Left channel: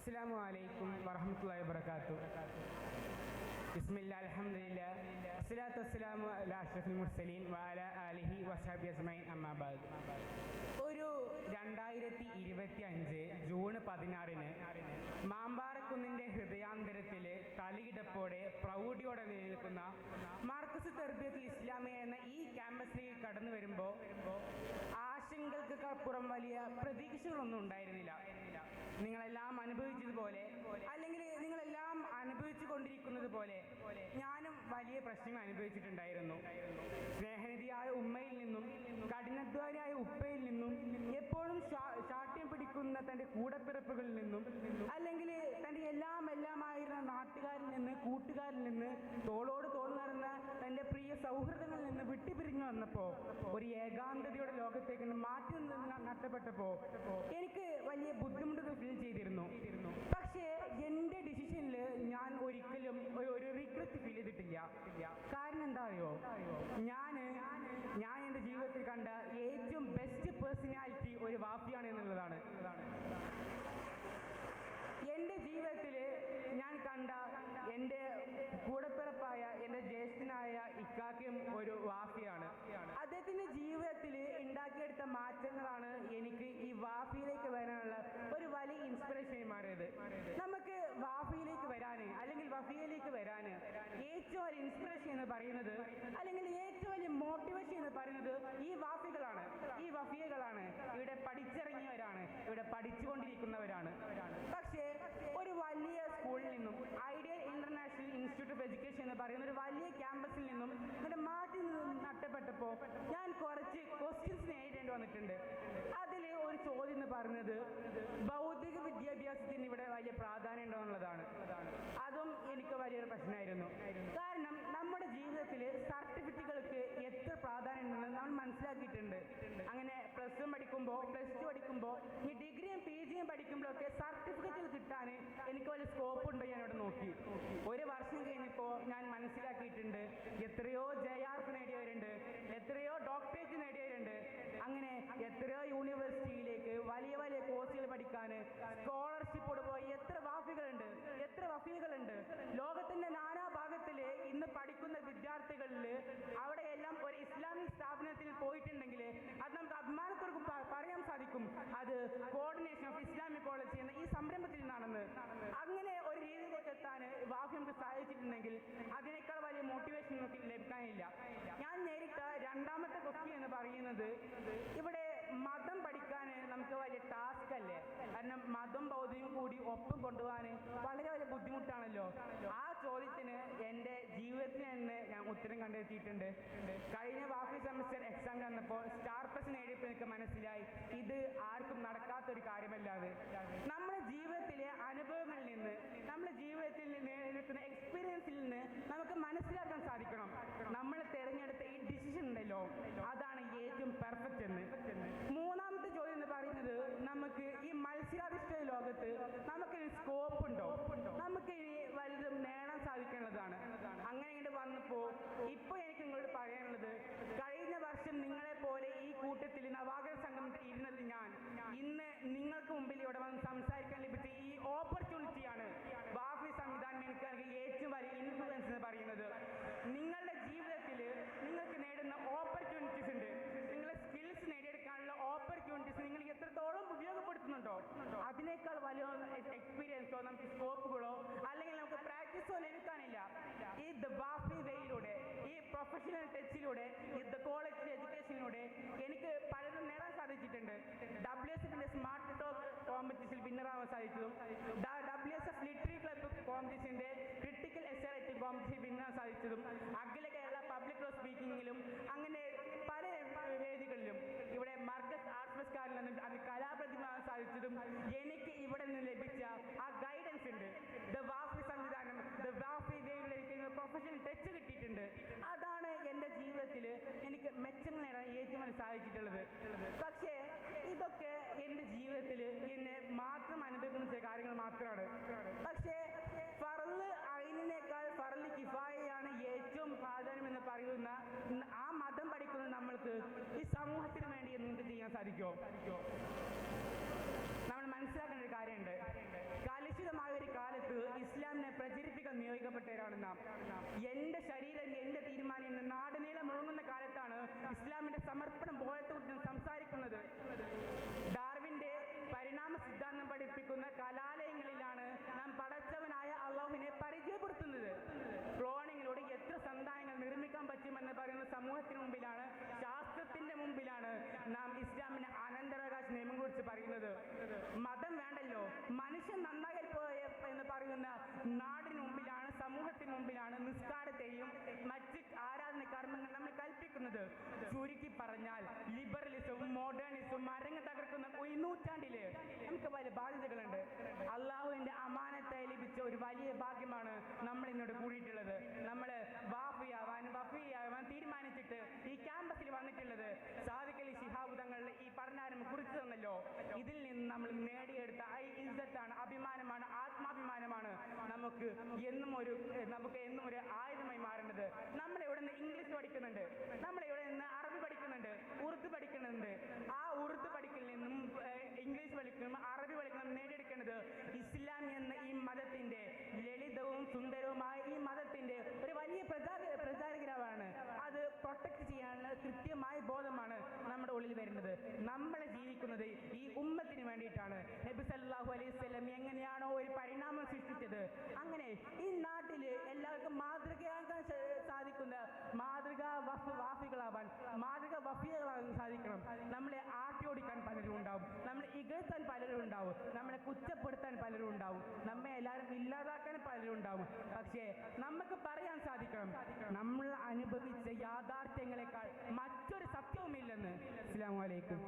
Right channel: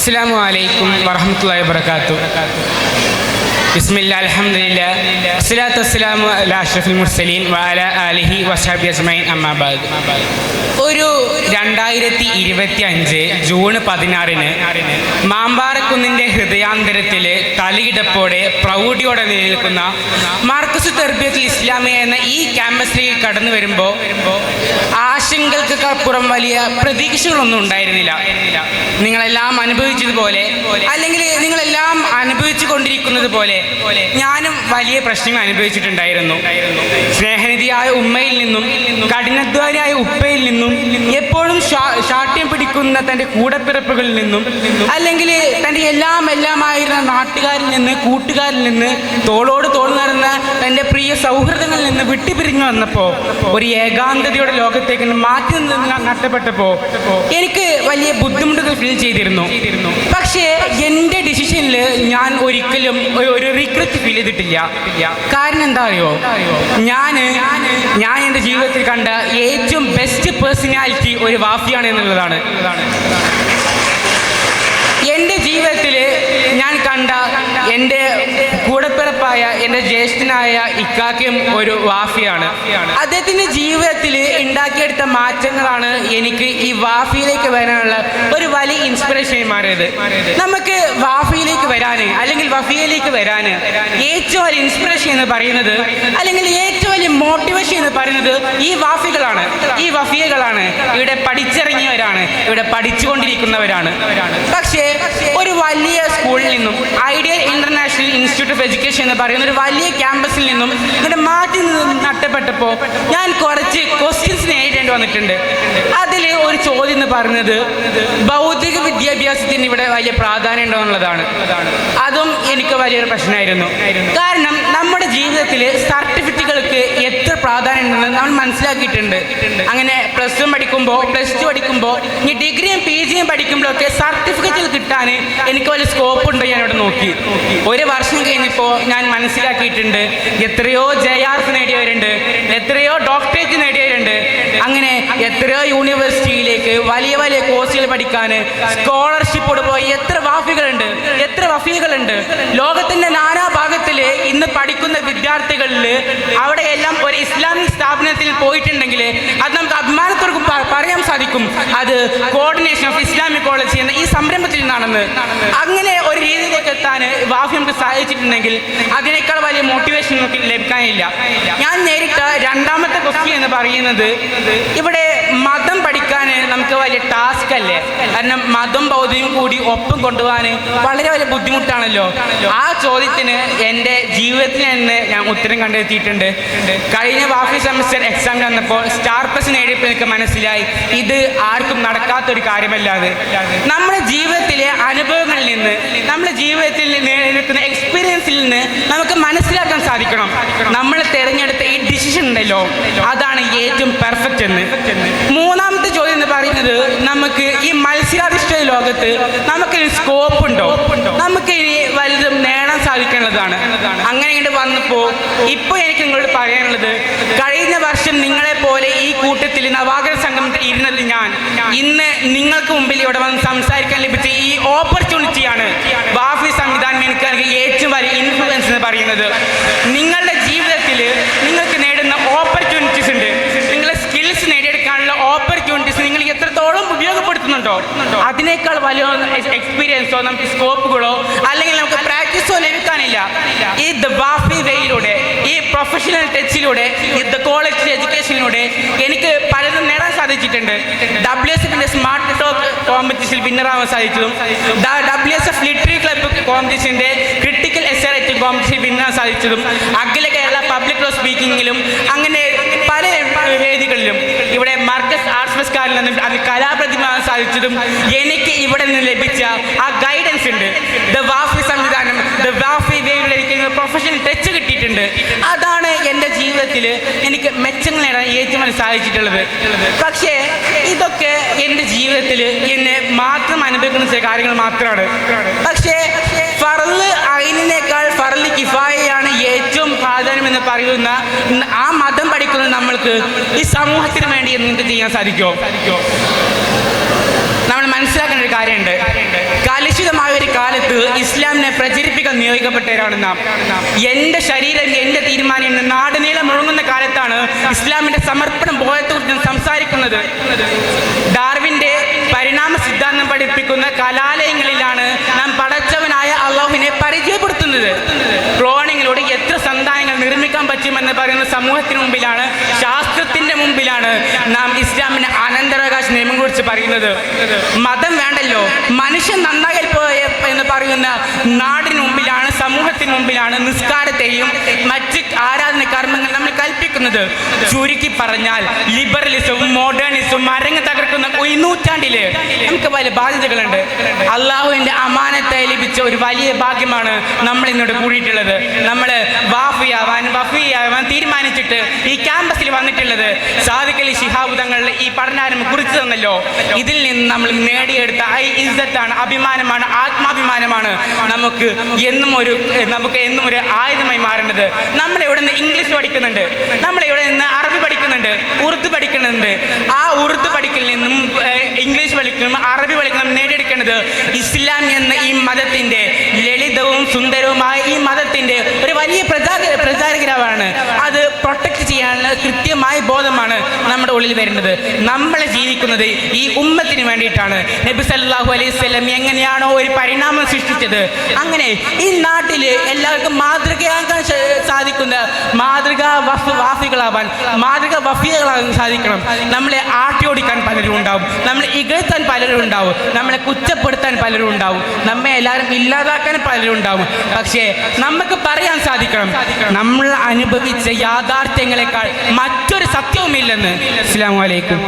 അസ്സലാമു അലൈക്കും വറഹ്മത്തുള്ളാഹി വബറകാതുഹു. ബിസ്മില്ലാഹി അൽഹംദുലില്ലാഹ് വസ്സലാത്തു വസ്സലാമു അലാ അഷ്റഫിൽ മുർസലീൻ വഅലാ ആലിഹി വസ്ഹബിഹി അജ്മഈൻ അമ്മാ ബഅദ്. ഒരു 2025 ജൂൺ 16 മാമ്പാറക്കുന്നിൻ്റെ ഹൃദയാന്തരത്തിൽ തലയിടപ്പോടെ പ്രൗഢിയോടെ നിലനിൽക്കുന്ന മർക്കസ് തർബിയത്തുൽ ഇസ്ലാമിയ എന്ന ഈ ക്യാമ്പസിലേക്ക് കടന്നു വരുമ്പോൾ ആശങ്കകൾക്കപ്പുറം വലിയ പ്രതീക്ഷകളൊന്നും ഉണ്ടായിരുന്നില്ല. നിങ്ങളെല്ലാം അനുഭവിച്ചതുപോലെ, അല്ലെങ്കിൽ നിങ്ങളെല്ലാം അനുഭവിച്ചു കൊണ്ടിരിക്കുന്നത് പോലെ ഞാനും വലിയ പ്രശ്നങ്ങൾ അനുഭവിച്ചിട്ടുണ്ടായിരുന്നു. സ്നേഹനിധിയായ ഉമ്മയിൽ നിന്നും കഠിനാധ്വാനിയായ ഉപ്പയിൽ നിന്നും എപ്പോഴും ശാഠ്യം പിടിക്കുന്ന തൻ്റെ കൂടപ്പിറപ്പുകളിൽ നിന്നും, അല്ലെങ്കിൽ തൻ്റെ എല്ലാമായിരുന്ന നാട്ടുകാരിൽ നിന്ന്, കൂട്ടുകാരിൽ നിന്ന്, തോളോട് തോൾ നടന്ന തൻ്റെ പ്രിയ സൗഹൃദങ്ങളിൽ നിന്ന് വിട്ടുപിരിഞ്ഞു വന്നപ്പോൾ, ഒരു ഏകാന്തതയുടെ ലോകത്തേക്ക് മാറ്റി നിന്ന് നഷ്ടപ്പെട്ടപ്പോൾ എനിക്ക് വലിയ ബുദ്ധിമുട്ടുകൾ ഫീൽ ചെയ്തിരുന്നു. പക്ഷേ എൻ്റെ ഡിസിഷനിൽ ഞാൻ ഒരിക്കലും ഒരു റിഗ്രറ്റ് ഫീൽ ചെയ്തിട്ടില്ല. കാരണം എന്താ അറിയോ, ഞാൻ എൻ്റെ ജീവിതത്തിൽ കണ്ട ഏറ്റവും ബെസ്റ്റ് പേഴ്സണാലിറ്റി ഒരു വാഫിയാണ് എന്നുള്ളതാണ്. എൻ്റെ ജീവിതത്തിൽ ഞാൻ കണ്ട എൻ്റെ കൂടപ്പിറപ്പായ എൻ്റെ ജ്യേഷ്ഠനായ ഇക്കാക്കയും ഒരു വാഫിയാണ്. അദ്ദേഹത്തിൻ്റെ ജീവിതത്തിൽ ഉണ്ടാക്കിയെടുത്ത മാറ്റങ്ങളാണ് എനിക്ക് ഈ വാഫിയിലേക്ക് വരാനുള്ള ഒരു വലിയ ഇൻസ്പിറേഷനായി മാറിയത്. നമുക്ക് വാഫിയിലേക്ക് വരാൻ, അല്ലെങ്കിൽ വഫിയയിലേക്ക് വരാൻ ഏറ്റവും വലിയ ഇൻസ്പിറേഷൻ എന്ന് പറയുന്നത്, അല്ലെങ്കിൽ ഏറ്റവും വലിയ മോട്ടിവേഷൻ എന്ന് പറയുന്നത് ഈ വാഫികളാണ്, ഈ വഫിയകളാണ്. ഇവിടെ പഠിച്ചിറങ്ങിയവരാണ്, ഇവിടെ പഠിച്ചുകൊണ്ടിരിക്കുന്നവരാണ്. പക്ഷേ ഒരു വലിയ സ്കൂളിൽ നിന്നും, ideal international institute of education എന്ന് പറയുന്ന ഒരു വലിയ ക്യാമ്പസിൽ നിന്നും ഇവിടെ മാറ്റി നഷ്ടപ്പെട്ടപ്പോൾ ഞാൻ കുറച്ച് ക്വസ്റ്റ്യൻസ് നേരിടേണ്ടി വന്നിട്ടുണ്ട്. അതിൽ ഒരു ചോദ്യം എന്ന് പറയുന്നത് ഭൗതിക വിദ്യാഭ്യാസത്തിന് ഇവിടെ വലിയ പ്രാധാന്യം ഉണ്ടോ എന്നുള്ളതാണ്. അതും എനിക്ക് വലിയൊരു പ്രശ്നമായിരുന്നു. കാരണം നമ്മുടെ ജീവിതത്തിൽ സർട്ടിഫിക്കറ്റുകൾക്ക് എത്ര പ്രാധാന്യം ഉണ്ടെന്ന് നമ്മൾ മനസ്സിലാക്കിയിട്ടുണ്ട്. അങ്ങനെ +1 പഠിക്കുമ്പോൾ, +2 പഠിക്കുമ്പോൾ, ഇനി ഡിഗ്രിയും PGയും പഠിക്കുമ്പോഴൊക്കെ സർട്ടിഫിക്കറ്റുകൾ കിട്ടാൻ എനിക്ക് വലിയ സ്കോപ്പ് ഉണ്ടോ ഞാൻ ഇവിടെ നോക്കി. ഒരു വർഷം കഴിഞ്ഞപ്പോൾ ഞാൻ മനസ്സിലാക്കിയിട്ടുണ്ട് എത്രയോ JRF നേടിയവരുണ്ട്, എത്രയോ ഡോക്ടറേറ്റ് നേടിയവരുണ്ട്. അങ്ങനെ എത്രയോ യൂണിവേഴ്സിറ്റിയിലേക്ക് വലിയ വലിയ കോഴ്സുകൾ പഠിക്കാൻ സ്കോളർഷിപ്പോട് പോയി എത്ര വാഫികളുണ്ട്, എത്ര വഫികളുണ്ട്. ലോകത്തിൻ്റെ നാനാഭാഗത്തിൽ ഇന്ന് പഠിക്കുന്ന വിദ്യാർത്ഥികളിൽ അവിടെയെല്ലാം ഒരു ഇസ്ലാമിക് സ്ഥാപനത്തിൽ പോയിട്ടുണ്ടെങ്കിൽ അത് നമുക്ക് അഭിമാനത്തോടെ പറയാൻ സാധിക്കും, അത് കോർഡിനേഷൻ ഓഫ് ഇസ്ലാമിക് കോളേജ് എന്ന ഈ സംരംഭത്തിൽ നിന്നാണെന്ന്. അങ്ങനെ ഒരു രീതിയിലേക്ക് എത്താൻ വാഫി നമുക്ക് സാധിച്ചിട്ടുണ്ടെങ്കിൽ അതിനേക്കാൾ വലിയ മോട്ടിവേഷൻ നമുക്ക് ലഭിക്കാനില്ല. ഞാൻ നേരിട്ട രണ്ടാമത്തെ ക്വസ്റ്റ്യൻ എന്ന് പറയുന്നത്, ഇവിടെ മതം പഠിക്കാൻ നമുക്ക് വലിയ ടാസ്ക് അല്ലേ? കാരണം മതം ഭൗതികം കൂടി ഒപ്പം കൊണ്ടുപോകാൻ വളരെ വലിയ ബുദ്ധിമുട്ടാണല്ലോ. ആ ചോദ്യത്തിന് എൻ്റെ ജീവിതത്തിൽ നിന്ന് ഞാൻ ഉത്തരം കണ്ടെത്തിയിട്ടുണ്ട്. കഴിഞ്ഞ വാഫി സെമസ്റ്റർ എക്സാമിന് വന്നപ്പോൾ *+ നേടിയപ്പോൾ എനിക്ക് മനസ്സിലായി ഇത് ആർക്കും നടക്കാത്തൊരു കാര്യമല്ലാതെ. നമ്മുടെ ജീവിതത്തിലെ അനുഭവങ്ങളിൽ നിന്ന്, നമ്മുടെ ജീവിതത്തിൽ നേടിയെടുക്കുന്ന എക്സ്പീരിയൻസിൽ നിന്ന് നമുക്ക് മനസ്സിലാക്കാൻ സാധിക്കണം നമ്മൾ തിരഞ്ഞെടുത്ത ഈ ഡിസിഷൻ ഉണ്ടല്ലോ, അതാണ് ഏറ്റവും പെർഫെക്റ്റ് എന്ന്. മൂന്നാമത്തെ ചോദ്യം എന്ന് പറയുന്നത്, നമുക്ക് ഈ മത്സരാധിഷ്ഠിത ലോകത്ത് നമുക്കൊരു സ്കോപ്പ് ഉണ്ടോ, നമുക്ക് ഇനി വലുതും നേടാൻ സാധിക്കേണ്ടതാണ്. അങ്ങനെ ഇങ്ങോട്ട് വന്നപ്പോൾ ഇപ്പോൾ എനിക്ക് നിങ്ങളോട് പറയാനുള്ളത്, കഴിഞ്ഞ വർഷം നിങ്ങളെപ്പോലെ ഈ കൂട്ടത്തിൽ നവാഗത സംഗമത്തിൽ ഇരുന്നത് ഞാൻ ഇന്ന് നിങ്ങൾക്ക് മുമ്പിൽ ഇവിടെ വന്ന് സംസാരിക്കാൻ ലഭിച്ച ഈ ഓപ്പർച്യൂണിറ്റിയാണ് വാഫി സംവിധാനം എനിക്ക് ഏറ്റവും വലിയ ഇൻഫ്ലുവൻസ് എന്ന് പറയുന്നത്. നിങ്ങളുടെ ജീവിതത്തിൽ നിങ്ങൾക്ക് നേടുന്ന ഓപ്പർച്യൂണിറ്റീസ് ഉണ്ട്, നിങ്ങളുടെ സ്കിൽസ് നേടിയെടുക്കാനുള്ള ഓപ്പർച്യൂണിറ്റീസ് നിങ്ങൾ എത്രത്തോളം ഉപയോഗപ്പെടുത്തുന്നുണ്ടോ അതിനേക്കാൾ വലിയ എക്സ്പീരിയൻസോ നമുക്ക് സ്കോപ്പുകളോ അല്ലെങ്കിൽ നമുക്ക് പ്രാക്ടീസോ ലഭിക്കാനില്ല. ഈ വാഫി വേയിലൂടെ, ഈ പ്രൊഫഷണൽ ടച്ചിലൂടെ, ഈ കോളേജ് എഡ്യൂക്കേഷനിലൂടെ എനിക്ക് പലതും നേടാൻ സാധിച്ചിട്ടുണ്ട്. WSF സ്മാർട്ട് ടോക്ക് കോമ്പറ്റീഷനിൽ വിന്നറാവാൻ സാധിച്ചതും, WSF ലിറ്റററി ക്ലബ്ബ് കോമ്പറ്റീഷൻ്റെ ക്രിട്ടിക്കൽ എസ്സേ റൈറ്റിംഗ് കോമ്പറ്റീഷനിൽ വിന്നറാൻ സാധിച്ചതും, അഖില കേരള പബ്ലിക് ലോ സ്പീക്കിങ്ങിലും, അങ്ങനെ പല വേദികളിലും ഇവിടെ മർക്കസ് ആർട്സ് ഫെസ്റ്റിവലിൽ നിന്നും അത് കലാപ്രതിഭയാൻ സാധിച്ചതും എനിക്ക് ഇവിടെ നിന്ന് ലഭിച്ച ആ ഗൈഡൻസ് ഉണ്ട്. വാഫി സംവിധാനം, വാഫി വേയിലൂടെ എനിക്ക് പ്രൊഫഷണൽ ടച്ച് കിട്ടിയിട്ടുണ്ട്. അതാണ് എൻ്റെ ജീവിതത്തിൽ എനിക്ക് മെച്ചങ്ങൾ നേടാൻ ഏറ്റവും വലിയ സാധിച്ചിട്ടുള്ളത്. പക്ഷേ ഇതൊക്കെ എൻ്റെ ജീവിതത്തിൽ എന്നെ മാത്രം അനുഭവിക്കുന്ന ചില കാര്യങ്ങൾ മാത്രമാണ്. പക്ഷേ ഫർള് ഐനിനേക്കാൾ ഫർള് കിഫായയാണ് ഏറ്റവും പ്രാധാന്യം എന്ന് പറയുന്ന ആ മതം പഠിക്കുന്ന നമ്മൾക്ക് ഈ സമൂഹത്തിന് വേണ്ടി എന്ത് ചെയ്യാൻ സാധിക്കുമോ? നമ്മൾ മനസ്സിലാക്കേണ്ട ഒരു കാര്യമുണ്ട്. കാലിശ പ്രചരിപ്പിക്കാൻ നിയോഗിക്കപ്പെട്ടവരാണ് നാം. എൻ്റെ ശരീരം എൻ്റെ തീരുമാനം എന്ന് നാടുനീളം മുഴങ്ങുന്ന കാലത്താണ് ഇസ്ലാമിൻ്റെ സമർപ്പണം ബോധത്തെക്കുറിച്ച് സംസാരിക്കുന്നത്. ഡാർവിൻ്റെ പരിണാമ സിദ്ധാന്തം പഠിപ്പിക്കുന്ന കലാലയങ്ങളിലാണ് നാം പടച്ചവനായ അള്ളാഹുവിനെ പരിചയപ്പെടുത്തുന്നത്. ക്ലോണിങ്ങിലൂടെ എത്ര സന്താനങ്ങൾ നിർമ്മിക്കാൻ പറ്റുമെന്ന് പറയുന്ന സമൂഹത്തിന് മുമ്പിലാണ്, ശാസ്ത്രത്തിൻ്റെ മുമ്പിലാണ് നാം ഇസ്ലാമിൻ്റെ അനന്തരാവകാശ നിയമം കുറിച്ച് പറയുന്നത്. മതം വേണ്ടല്ലോ, മനുഷ്യൻ നന്നായി പോയ എന്ന് പറയുന്ന നാടിന് മുമ്പിലാണ്, സമൂഹത്തിന് മുമ്പിലാണ് നിസ്കാരത്തെയും മറ്റ് ആരാധന കർമ്മങ്ങൾ നമ്മൾ കൽപ്പിക്കുന്നത്. ചുരുക്കി പറഞ്ഞാൽ ലിബറലിസവും മോഡേണിസവും അരങ്ങ് തകർക്കുന്ന ഈ നൂറ്റാണ്ടില് നമുക്ക് വലിയ ബാധ്യതകളുണ്ട്. അള്ളാഹുവിൻ്റെ അമാനത്തായി ലഭിച്ച ഒരു വലിയ ഭാഗ്യമാണ് നമ്മൾ ഇന്നോട് കൂടിയിട്ടുള്ളത്. നമ്മൾ വഫിയാവാൻ തീരുമാനിച്ചിട്ട് ഈ ക്യാമ്പസിൽ വന്നിട്ടുള്ളത് സാദിഖ് അലി ശിഹാബ് തങ്ങൾ ഈ പഠനാരംഭം കുറിച്ച് തന്നല്ലോ. ഇതിൽ നിന്ന് നമ്മൾ നേടിയെടുത്ത ഇസ്സത്താണ്, അഭിമാനമാണ്, ആത്മാഭിമാനമാണ് നമുക്ക് എന്നും ഒരു ആയുധമായി മാറേണ്ടത്. നമ്മളിവിടെ നിന്ന് ഇംഗ്ലീഷ് പഠിക്കുന്നുണ്ട്, നമ്മളിവിടെ നിന്ന് അറബി പഠിക്കുന്നുണ്ട്, ഉറുദു പഠിക്കുന്നുണ്ട്. ആ ഉറുദു പഠിക്കലിൽ നിന്നും ഇംഗ്ലീഷ് പഠിക്കണം, അറബി പഠിക്കണം നേടിയെടുക്കേണ്ടത് ഇസ്ലാം എന്ന ഈ മതത്തിൻ്റെ ലളിതവും സുന്ദരവുമായ ഈ മതത്തിൻ്റെ ഒരു വലിയ പ്രചാരകരാണ്. അത് പ്രൊട്ടക്ട് ചെയ്യാനുള്ള കൃത്യമായ ബോധമാണ് നമ്മുടെ ഉള്ളിൽ വരുന്നത്. നമ്മൾ ജീവിക്കുന്നത് ഈ ഉമ്മത്തിന് വേണ്ടിയിട്ടാണ്. നബി സല്ലല്ലാഹു അലൈഹി വസല്ലം എങ്ങനെയാണോ ഒരു പരിണാമം സൃഷ്ടിച്ചത്, അങ്ങനെ ഈ നാട്ടിൽ എല്ലാവർക്കും മാതൃകയാക്കാൻ സാധിക്കുന്ന വാഫികളാവാൻ, വഫികളാകാൻ സാധിക്കണം. നമ്മളെ ആട്ടിയോടിക്കാൻ പലരും ഉണ്ടാവും, നമ്മളെ ഇകഴ്ത്താൻ പലരും ഉണ്ടാവും, നമ്മളെ കുറ്റപ്പെടുത്താൻ പലരും ഉണ്ടാവും, നമ്മെ എല്ലാവരും ഇല്ലാതാക്കാൻ പലരും ഉണ്ടാവും. പക്ഷേ നമുക്ക് പറയാൻ സാധിക്കണം, നമ്മൾ അനുഭവിച്ച യാഥാർത്ഥ്യങ്ങളെക്കാൾ മറ്റൊരു സത്യവുമില്ലെന്ന്. അസ്സലാമു അലൈക്കും.